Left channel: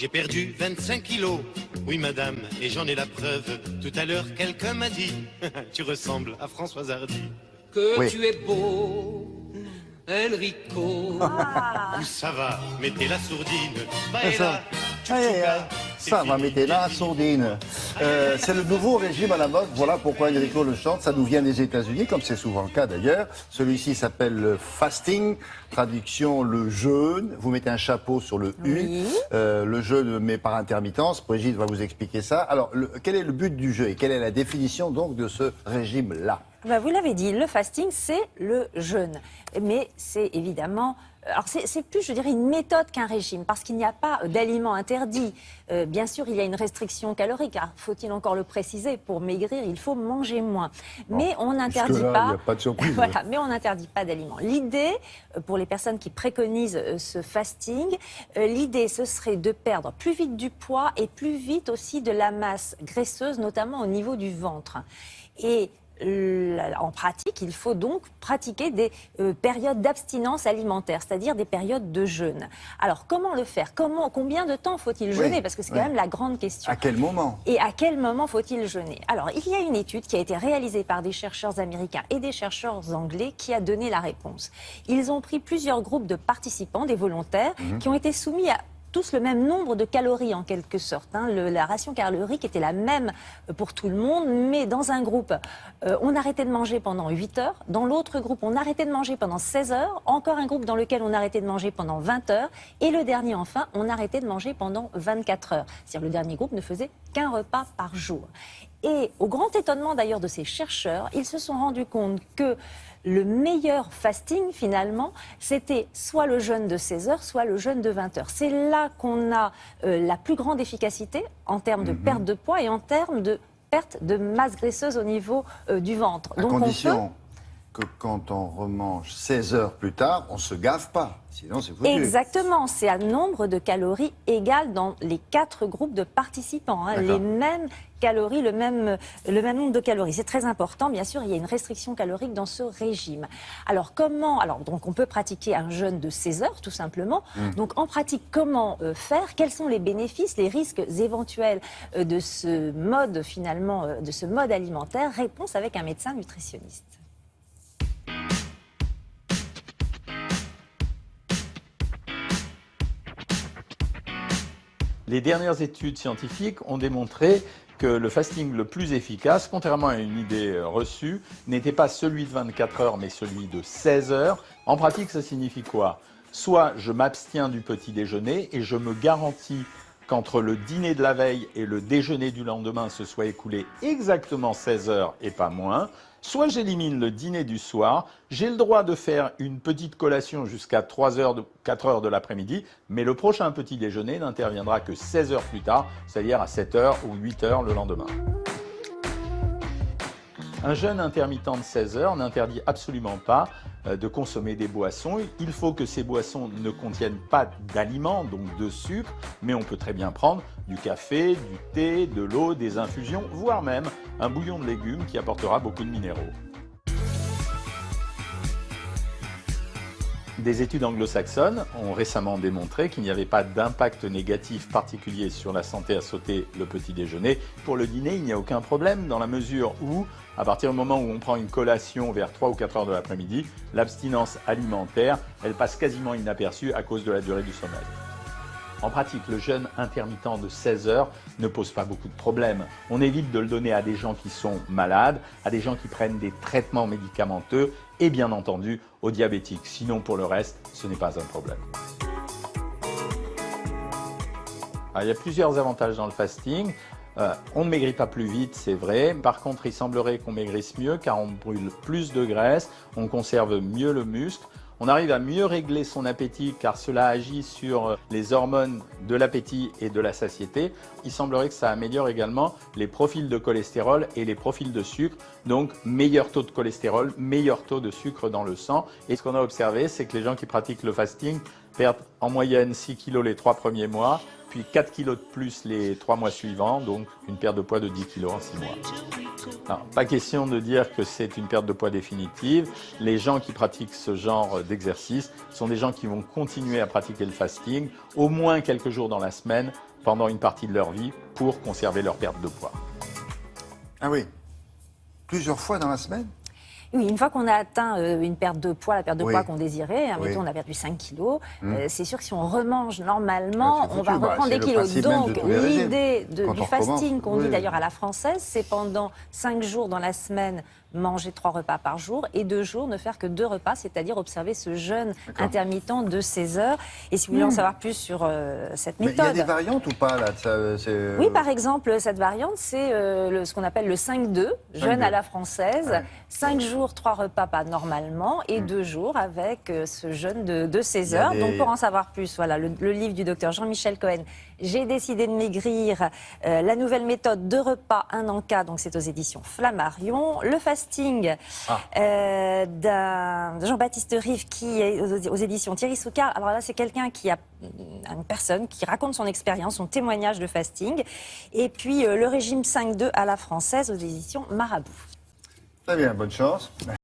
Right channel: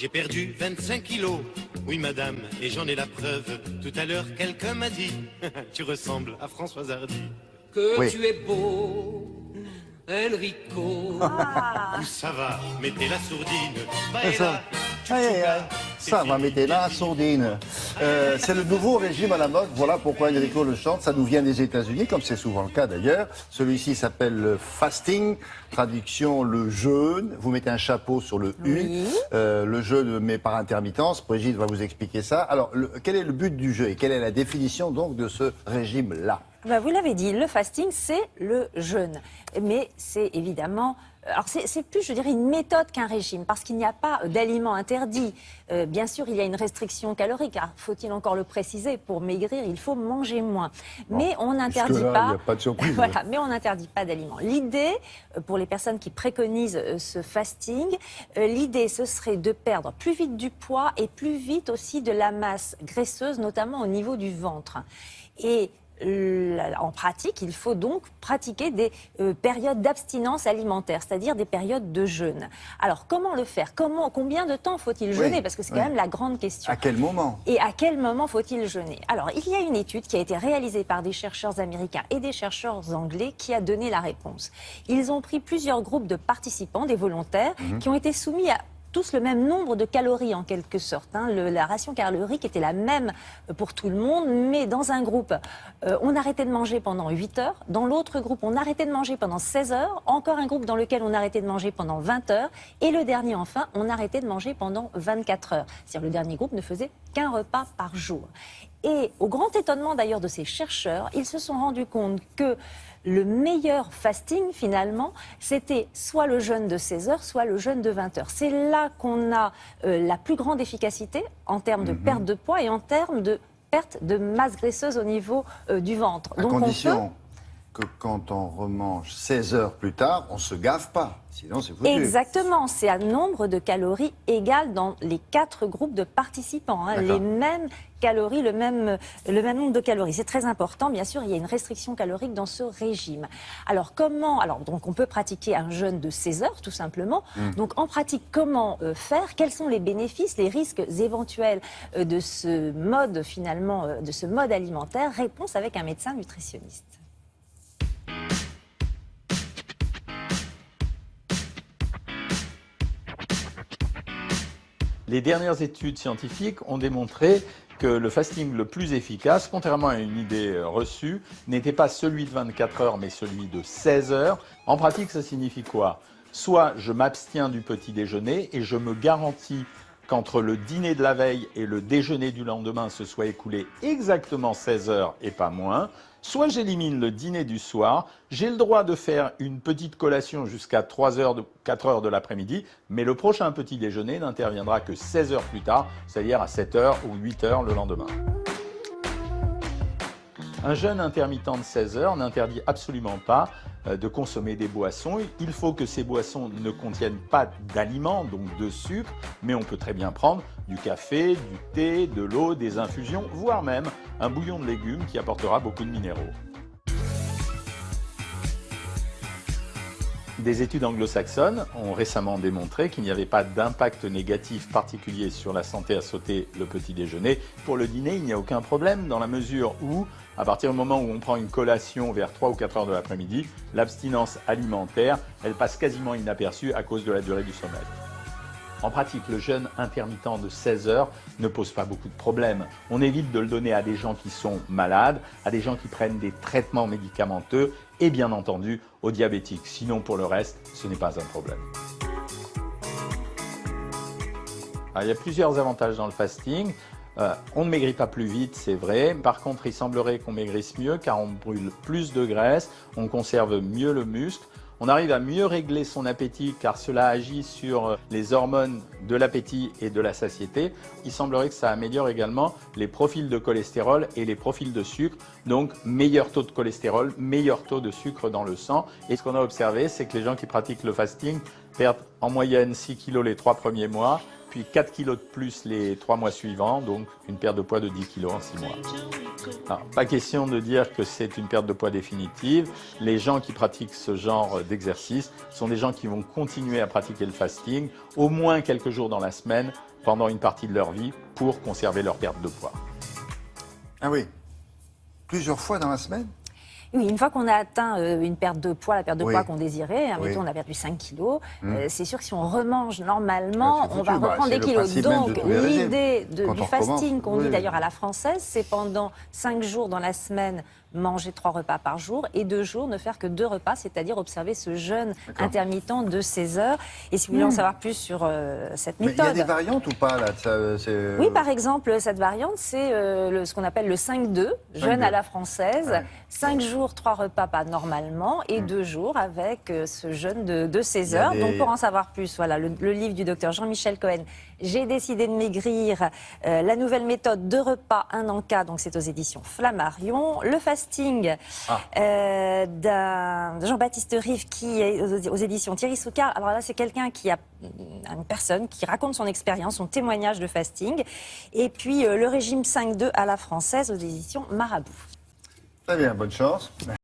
J'ai perdu 25 kilos. Oui, madame, et j'en ai la preuve. Tout à l'heure, quelqu'un m'a dit tu ressembles à Françoise Hardy. Que tu es beau, Enrico. Où ça va, mettez la sourdine. Baila, Ça va, mettez la sourdine. C'est le nouveau régime à la mode. Voilà pourquoi Enrico le chante. Ça nous vient des États-Unis, comme c'est souvent le cas d'ailleurs. Celui-ci s'appelle le fasting. Traduction, le jeûne. Vous mettez un chapeau sur le U. Le jeûne, mais par intermittence. Brigitte va vous expliquer ça. Alors, quel est le but du jeûne et quelle est la définition donc de ce régime-là? Vous l'avez dit, le fasting, c'est le jeûne. Mais c'est évidemment... Alors c'est plus, je dirais, une méthode qu'un régime, parce qu'il n'y a pas d'aliments interdits. Bien sûr, il y a une restriction calorique. Faut-il encore le préciser? Pour maigrir, il faut manger moins. Mais on n'interdit pas... Il n'y a pas de surprise. Voilà, mais on n'interdit pas d'aliments. L'idée, pour les personnes qui préconisent ce fasting, l'idée, ce serait de perdre plus vite du poids et plus vite aussi de la masse graisseuse, notamment au niveau du ventre. Et en pratique, il faut donc pratiquer des périodes d'abstinence alimentaire, c'est-à-dire des périodes de jeûne. Alors, comment le faire? Combien de temps faut-il jeûner? Parce que c'est quand même la grande question. À quel moment? Et à quel moment faut-il jeûner? Alors, il y a une étude qui a été réalisée par des chercheurs américains et des chercheurs anglais qui a donné la réponse. Ils ont pris plusieurs groupes de participants, des volontaires, qui ont été soumis à tous le même nombre de calories en quelque sorte. La ration calorique était la même pour tout le monde, mais dans un groupe, on arrêtait de manger pendant 8 heures. Dans l'autre groupe, on arrêtait de manger pendant 16 heures. Encore un groupe dans lequel on arrêtait de manger pendant 20 heures. Et le dernier, enfin, on arrêtait de manger pendant 24 heures. C'est-à-dire le dernier groupe ne faisait qu'un repas par jour. Et au grand étonnement d'ailleurs de ces chercheurs, ils se sont rendus compte que le meilleur fasting, finalement, c'était soit le jeûne de 16 heures, soit le jeûne de 20 heures. C'est là qu'on a la plus grande efficacité en termes de perte de poids et en termes de perte de masse graisseuse au niveau du ventre. À condition que quand on remange 16 heures plus tard, on ne se gave pas. Sinon, c'est foutu. Exactement, c'est un nombre de calories égal dans les 4 groupes de participants. Les mêmes calories, le même nombre de calories. C'est très important, bien sûr, il y a une restriction calorique dans ce régime. Alors comment? Donc on peut pratiquer un jeûne de 16 heures, tout simplement. Donc en pratique, comment faire? Quels sont les bénéfices, les risques éventuels de ce mode, finalement, de ce mode alimentaire? Réponse avec un médecin nutritionniste. Les dernières études scientifiques ont démontré que le fasting le plus efficace, contrairement à une idée reçue, n'était pas celui de 24 heures, mais celui de 16 heures. En pratique, ça signifie quoi? Soit je m'abstiens du petit déjeuner et je me garantis qu'entre le dîner de la veille et le déjeuner du lendemain se soit écoulé exactement 16 heures et pas moins. Soit j'élimine le dîner du soir, j'ai le droit de faire une petite collation jusqu'à 4 heures de l'après-midi, mais le prochain petit déjeuner n'interviendra que 16 heures plus tard, c'est-à-dire à 7 heures ou 8 heures le lendemain. Un jeûne intermittent de 16 heures n'interdit absolument pas de consommer des boissons. Il faut que ces boissons ne contiennent pas d'aliments, donc de sucre, mais on peut très bien prendre du café, du thé, de l'eau, des infusions, voire même un bouillon de légumes qui apportera beaucoup de minéraux. Des études anglo-saxonnes ont récemment démontré qu'il n'y avait pas d'impact négatif particulier sur la santé à sauter le petit déjeuner. Pour le dîner, il n'y a aucun problème dans la mesure où, à partir du moment où on prend une collation vers 3 ou 4 heures de l'après-midi, l'abstinence alimentaire, elle passe quasiment inaperçue à cause de la durée du sommeil. En pratique, le jeûne intermittent de 16 heures ne pose pas beaucoup de problèmes. On évite de le donner à des gens qui sont malades, à des gens qui prennent des traitements médicamenteux et bien entendu aux diabétiques. Sinon, pour le reste, ce n'est pas un problème. Alors, il y a plusieurs avantages dans le fasting. On ne maigrit pas plus vite, c'est vrai. Par contre, il semblerait qu'on maigrisse mieux car on brûle plus de graisse, on conserve mieux le muscle. On arrive à mieux régler son appétit car cela agit sur les hormones de l'appétit et de la satiété. Il semblerait que ça améliore également les profils de cholestérol et les profils de sucre. Donc, meilleur taux de cholestérol, meilleur taux de sucre dans le sang. Et ce qu'on a observé, c'est que les gens qui pratiquent le fasting perdent en moyenne 6 kg les 3 premiers mois, puis 4 kg de plus les 3 mois suivants, donc une perte de poids de 10 kg en 6 mois. Alors, pas question de dire que c'est une perte de poids définitive. Les gens qui pratiquent ce genre d'exercice sont des gens qui vont continuer à pratiquer le fasting au moins quelques jours dans la semaine, pendant une partie de leur vie pour conserver leur perte de poids. Ah oui. Plusieurs fois dans la semaine? Oui, une fois qu'on a atteint une perte de poids, la perte de Oui. poids qu'on désirait, Oui. mettons on a perdu 5 kilos, c'est sûr que si on remange normalement, Ah, c'est on va foutu. Bah, reprendre c'est des le kilos. principe même de Donc tous les régimes. l'idée Quand du on fasting recommence. qu'on dit Oui. d'ailleurs à la française, c'est pendant 5 jours dans la semaine manger 3 repas par jour et 2 jours ne faire que 2 repas, c'est-à-dire observer ce jeûne intermittent de 16 heures. Et si vous voulez en savoir plus sur cette Mais il y a méthode... des variantes ou pas là Oui, par exemple, cette variante, c'est ce qu'on appelle le 5-2, jeûne à la française. 5 jours, 3 repas pas normalement, et 2 jours avec ce jeûne de 16 heures. des- Donc pour en savoir plus, voilà, le livre du docteur Jean-Michel Cohen, J'ai décidé de maigrir, la nouvelle méthode 2 repas, 1 encas, donc c'est aux éditions Flammarion. Le fasting d'un Jean-Baptiste Rive qui est aux éditions Thierry Soucard. Alors là, c'est quelqu'un qui a une personne qui raconte son expérience, son témoignage de fasting. Et puis le régime 5-2 à la française aux éditions Marabout. Très bien, bonne chance.